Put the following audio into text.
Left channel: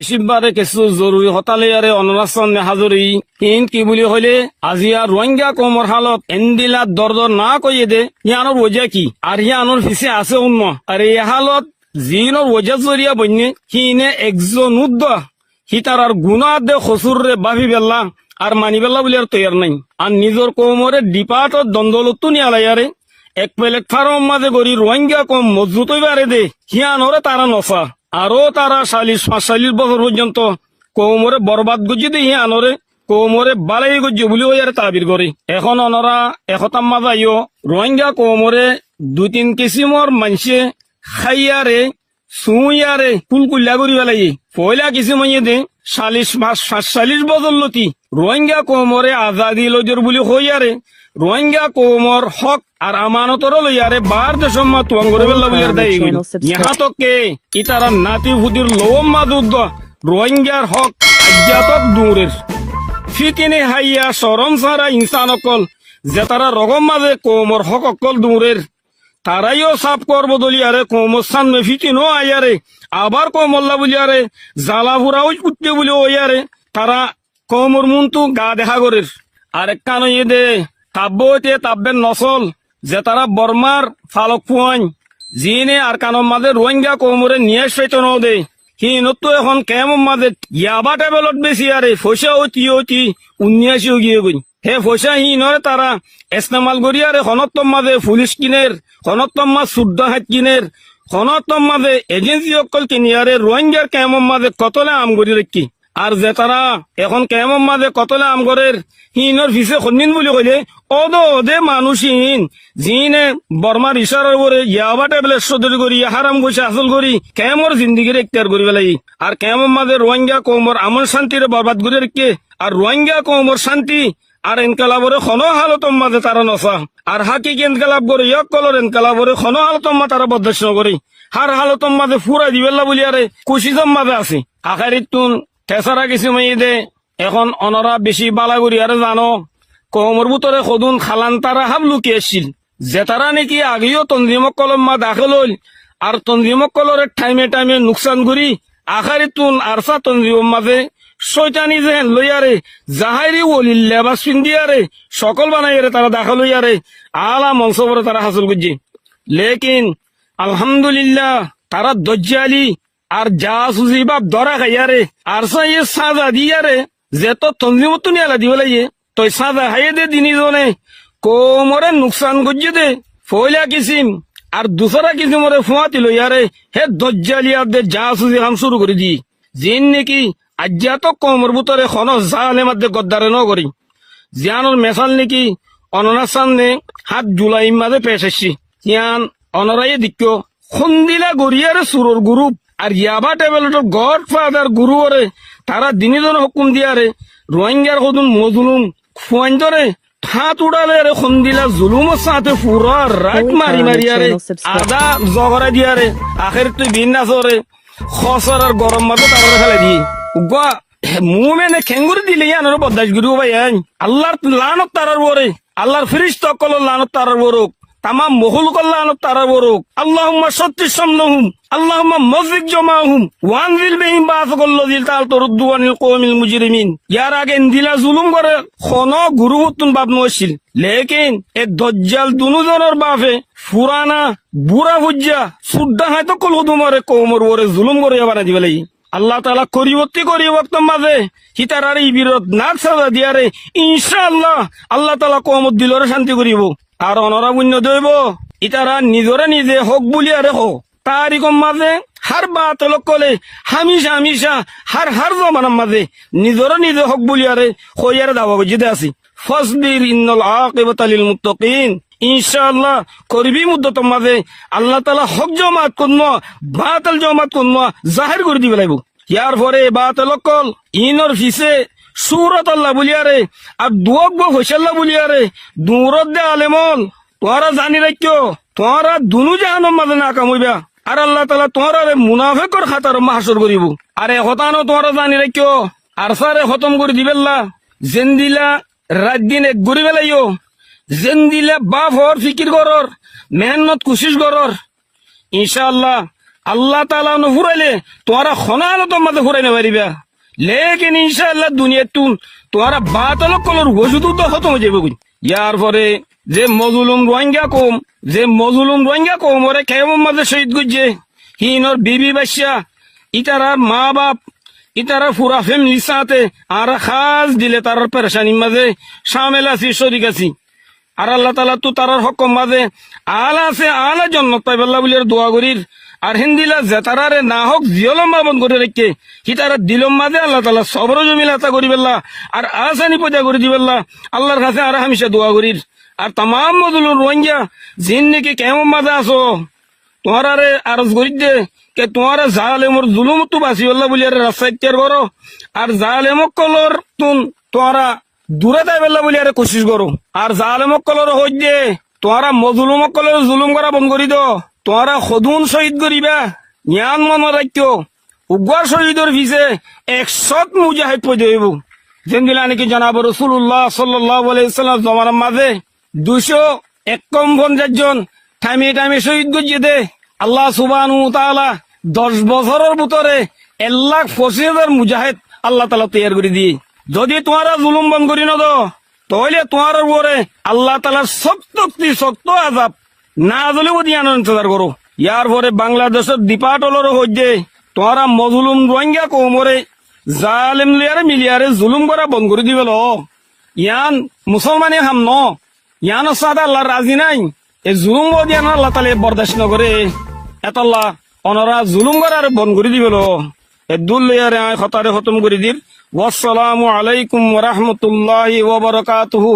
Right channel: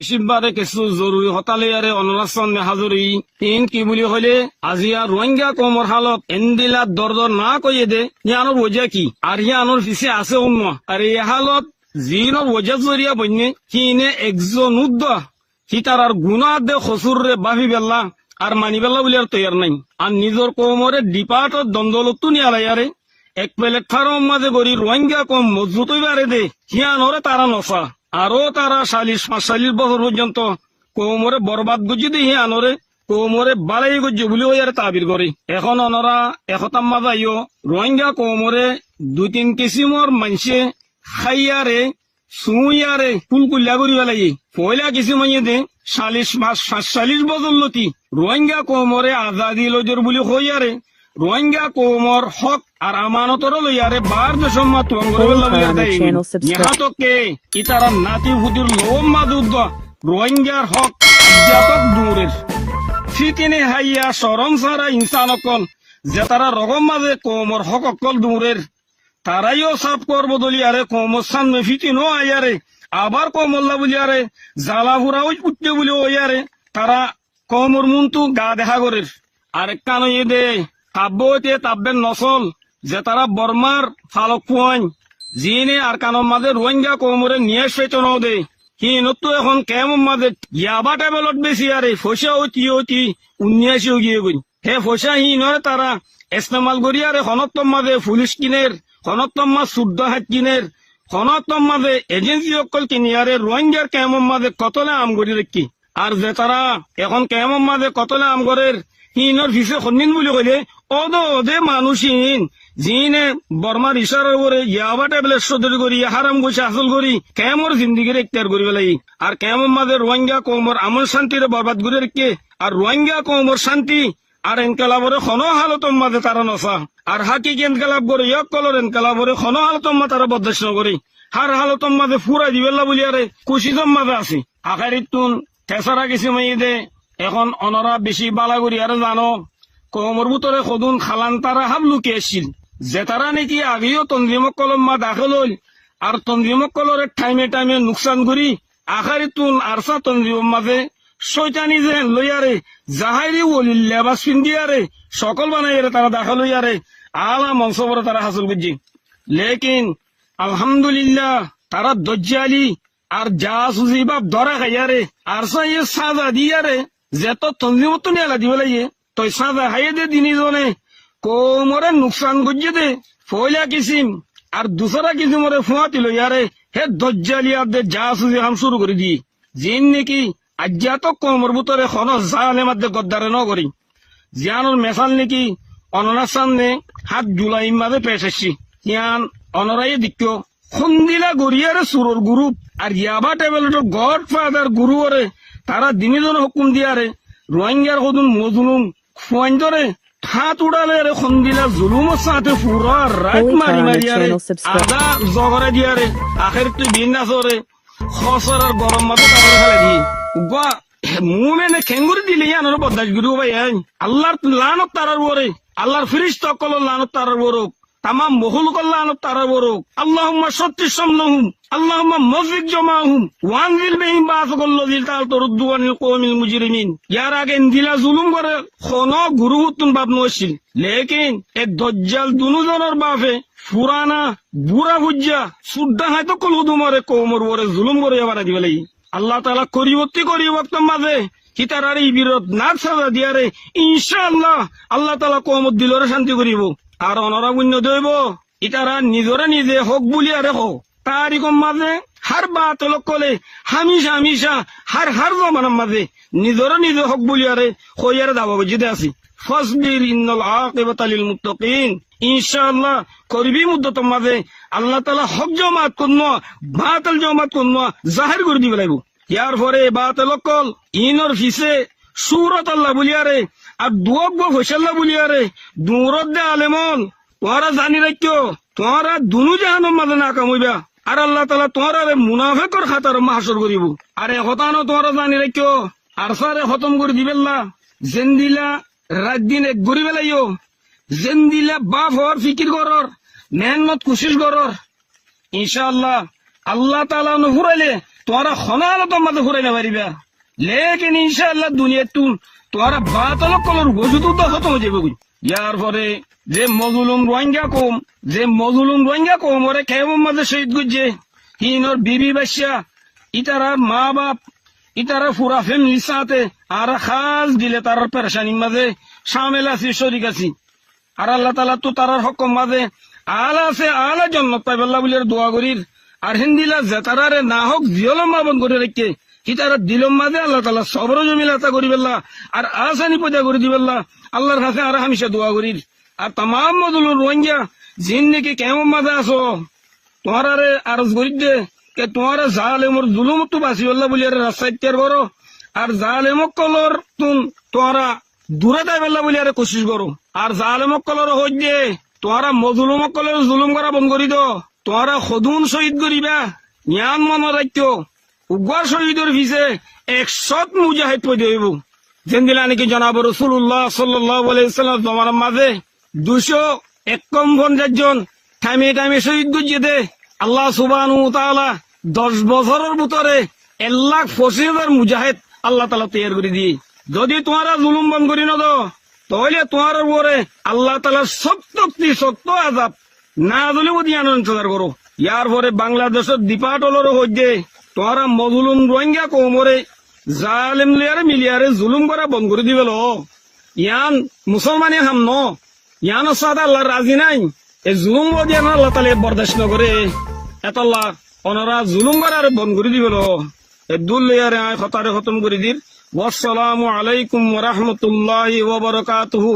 বেশিবারে কিছু জরুরি হতালে আরে অনরাসন হাজরি ইন কি বলি হইলে আজি আর রোহিঙ্গা কমর হালত এন্দিলা দরদর না কইয়ে দে ইয়ানোর ওজা কি আর ইয়ানোর পিছে আছে অন্য আর এই হালত জিনোর ওজা জরিয়া বন্যে হিনে একজন উদ্দ হি তার আর গুণা দে খসুর রে বাভি বেল্লা আর মানি বেল্লা বলে আর তৈয়ার নাই আর নিজের কমরে ডিপার্টর দ্বন্দ্বলত্তু নিয়ে আলাইয়ারে এক প্লেট ফার্ম মাঝে গড়ি রোহিঙ্গা কম মজবুত হইবারে দে হিয়ানোরে তারা নসা আরো তারা 40-45 বছর পর্যন্ত কৌমরে বরবাদ গুজি দিয়ে আনরে কৌমরে বালাই গুজি বলি ওই আর তাবির করে এখন অনরা একতাম মাজাইও রোহিঙ্গা কৌমরে 2-3 কিসিমর মানুষে খাইয়ারে সুইয়ারে কুলকুল্লা করি বেলাই পয়লা কিছু মাইয়ে দে 40-45 বছর লতি রোহিঙ্গা কৌমরে আজাদি লজর বলি হইয়ারে রোহিঙ্গা কৌমর হক আর আমানতর লইয়ারে বার দেশম মা তুয়াঙ্গরকে ইতারা নাতি হুদির লোম মাদুদ্দ রোহিঙ্গার হক অধ্যাপক দূরের ফিকিনে হাইয়া সরম সারা ইনসান অকল যে তারা রকম মাঝে কৌমর হক অকল দূরের তারাইও সাফ করব দলিয়ারে কৌমর সামনে ফিকিনো আইয়ারে আবার কৌমল্লা বলিয়ারে জালাহুরাও উঠতে বলি ওইয়ারে তারা কৌমর মুন্তু গা দেখা করের আরেক কানো দে তাব্বতে তাব্বেন নসল যে তারা বর্মার ফালক ফুয়াইন জিনে আর কানোর মাঝে রোহিঙ্গা কৌমরে নিয়ে সেচন দে হিনতো এখন কেমন মাঝে ইয়াবা টেবলত বেশি আরে পয়সা অতি 19 গিয়ে গই হে পয়সা নয় তারা ইস্তেমাল করি আরে হনত্তম মাঝে পুলিশ কিনের হনত্তম মাঝ শুদ্ধ হাত কিনের হনত্তম মাঝে এজেন্সি অকল কিনি আরে রোহিঙ্গার কেমন মাঝে কতলে আম করি রেখি আর যে তারা এখন কেমন মাঝে কতলে আম করের হিনর ফিসে খন্দিন বলি কইলে ওদে মানুষহীন জিনে বর্মার ইশারার করে ইয়াবা টেবলেট সদর করি হারাম ঘুষে আসল করি কেমন জিন্দিগির এখতিয়ার করি বেলাই আর কেমন মাঝে রোহিঙ্গা কৌমর আমন শান্তির বরবাদ করে রেখে আর রোহিঙ্গা কৌমর শান্তি আর এনকালাবরে খন হালতম মাঝে তারা নসা আর হাকিক এনকালাব করে এক কলর এনকালাবরে খন হালতম মা তারা বদশ নকরে হার হালতম মাঝে ফুরা দিবেল্লা বলি আরে কুশিদম মাঝে আছে আখারিত তুন ঠেসরা কিছু মাইয়ে দে এখন অনরা বেশি বালা করি আর জানো কমর ভিতরে সদুন খালান তারা হাব লুকি আসছিল যে তারা নাকি আগেও তঞ্জিমক কলম মা দাখল হল আর তঞ্জিমক কলরের টাইমে নুকসান করি আখারি তুন আরসা তঞ্জিম মাঝে শৈতানি যেন লইয়ারে জাহারি ওলিল লেবাস পিন্দিয়ারে সকল বানাইয়ারে তারা দাখল হইয়ারে আলা মংসবরে তারা হাসল করছে লেকিন আলহামদুলিল্লাহ তারা দজ্জালি আর জাসুসি বাপ ধরা খাইয়ারে আরসা ইয়ে সাজা দিয়ারে যে তো তঞ্জিমত তুমি আলা দিব লাগিয়ে তই সাজা খাইয়ে দে দিনী জনে কোমরে নুকসান করছে দে ফয়লা কিসিম আর দুসরা কিসিমরে ফুয়াতি লইয়ারে হে দজ্জালিয়ার দে জাসুসি হাম শুরু করে দি জিন নাকি আজ্ঞা তো কোমর ভিতরে খন জানে মধ্যে গদ্দারে ন করি জিয়ানোর মেশাল নাকি অনরার সামনে 7 জুলাই মাঝে পেশ আসছি ইয়ান অনরাই দিক্য সন্দিলা গড়িয়ারে সুরর গ্রুপ আর ইয়াবা টেবলেটর গড ফাদার গুরু ওরে তারা দিনীজন হুকুম দিয়ারে রোহিঙ্গার সদুন মজলুম ফুয়াইন ধরে হাত উড়ালে রে সন্দিলা জুলুমের সাথে পুরা রাত মারি মারিয়ারে আদা জগরা দিয়ারে আখের তুই ভিন্না সরে খসর আর গরম মাথা তারা ফেলে দিয়ে উগা মুমেনে খেঙ্গুরি দিলে ইয়ানোর বদাস গুরু ভাই আল্লাহর লানত তারার ওরে আল্লাহর ফিরিস্তা কল লানত তারার ওরক তামাম মহুল কল্যাণ তারা বরুক আল্লাহুম্মা সত্তিস সামনাহুম আল্লাহুম্মা মজরিক জামাহুম ওয়ানজিল বিহিম বাসাকাল্লাযী তালতুরদ্দু আনিল কওমিল মুজরিমিন ইয়ার আগে ইন্দিলা জুলুম করে খন গুরু হুতুন বাপ নছিল লেকিন এ দজ্জাল দুনুজনের বাপে ফুরানা বুড়া হুজ্জা সুদ্দা হয়তো কল হুদুমারে কওমর ওরে জুলুম করে এবারে দিবেলাই আল্লাহ তাআলা করিবত্তি করি ওয়াক্ত মাঝে হিতারার এই বিরোধ নাক সাজা দিয়ারে ইনশাআল্লাহ আল্লাহ তাআলা কওমত দিলরে শান্তি করিব আর অনরা বুন্য দইব ইতারা নিজরে নিজে হক বুলিয়ারে হো তারিকম মাঝে হার বাতল কলে হামিশা হার জমানার মাঝে নিজরে নিজে হক বুলিয়ারে হইয়ারে দাবা বুঝিতে আসি ফসবির ইন্নাল আকিবাতা লিল মুত্তাকিন ইনশাআল্লাহ করবি মুদ্দত মাঝে আল্লাহ তাআলা হক জমাত করব বাতিল জমাত করব জাহির করে দিবে লাইব ইয়ার পরে বাতিল কল ইনর ফিসে সুরত আল্লাহ বলিয়ারে আর দুয়ক হোসাল্লাহ বলিয়ারে দূরত দে আলেমন তোরা জানি রাখিও তোরা দুনু জাহানোর মাঝে না কামইবা আর আল্লাহ তাআলা তোরা মুনাফিকর খাতার মাহসুর করিব আর হতানো তোরা জানি রাখিও আর সারে খতম করে দিবেল্লা জেন্দিলা রাত দিন এক ঘুরি বেলাইও জেন্দিলা বাপ হর ফিকির করর মেহনত কুশিস করর ইনশাআল্লাহ আল্লাহ তাআলা নুফুরাইলে তোরা খনালত মাঝে ফুরাইতে পারিবা লেকিন ইনশাআল্লাহ দুনিয়া তুন তোরা বাতাল কলর ওষুধ তো খতম হয়ে যাবে ইয়ার পরে যে মজলুম রোহিঙ্গা কম ওরে কেমন মাঝে শহীদ করছে হিনর বিবি বাচ্চা ইতারার মা বাপ ইতারা পুরা ফ্যামিলির সাথে আর খাস দিলে তার পেরেশানির মাঝে সামেল আছি শরিক আছি আর আল্লাহ তাআলা তো তার হকম মাঝে আলা আছে আলা জন্নত পাইবাল্লাহ বলে দোয়া করির আর হিন্দিলা জেতারারে না হোক জিয়লম বাবন করে রেখে হিতারা দিলম মাঝে আল্লাহ তাআলা সবর জমিলাতা করি বেল্লা আর আসানি পয়দা করে দিবেল্লা আল্লাহর কাছে আর হামেশা দোয়া করির আর তামাম মজলুম রোহিঙ্গা জিন্দিগি কেমন মাঝে আসো তোমারে আরজ করি দে কে তোমার জালেমর জুলুম তো বাঁচি আল্লাহ বলি রাস্তা ইত্যার করো আর জালেমক কলর তুন তোরা দূরে দেয় বেল্লা বলি আরে কোশিশ করো আর জালেমক কলর হই দে তোরা মজলুমক কলর জুলুম করা বন্ধ করি দো তোরা সদুন শহীদ করিবা জ্ঞান মনে রাখতো উগ্র শহীদর ভিজে 100 মুজাহিদ পয়দা হইব যেদিন নাকি জানাব রাসূলুল্লাহ সাল্লাল্লাহু আলাইহি ওয়াসাল্লাম জমানার মাঝে 251 জন টাইমে শহীদ গজিয়ে দে আল্লাহ সুবহানাহু ওয়া তাআলা 10 বছরের ভিতরে 1,25,000 মুজাহিদ আল্লাহ তাআলা তৈরি করে দিয়ে যদি তোমরা জুলুম বন্ধ করি না তো তাহলে তোমার উপরে আল্লাহ তাআলা শক্ত আযাব না দিলেও দিয়ান ইন্তজার করো ইয়ার পরে বাংলাদেশের ডিপার্টলর হইতে তোমরা মজলুম রোহিঙ্গা কোমরে জালেম লিয়ারে মিলিয়ারে জুলুম করা বন্ধ করে দিবেল ইয়ান মুসলমানে হাম ন ইয়ান সাদা আল্লাহ রাজি নাই এই জুলুম দিয়ান আল্লাহ তাআলা বরদাস্ত নকরে এতল্লাহ অনরা জুলুম করার বন্ধ করে দিবেল এ দুলিয়ারে খতারে খতম করে দির ওয়াসসালামু আলাইকুম ওয়া রাহমাতুল্লাহি ওয়া বারাকাতুহু।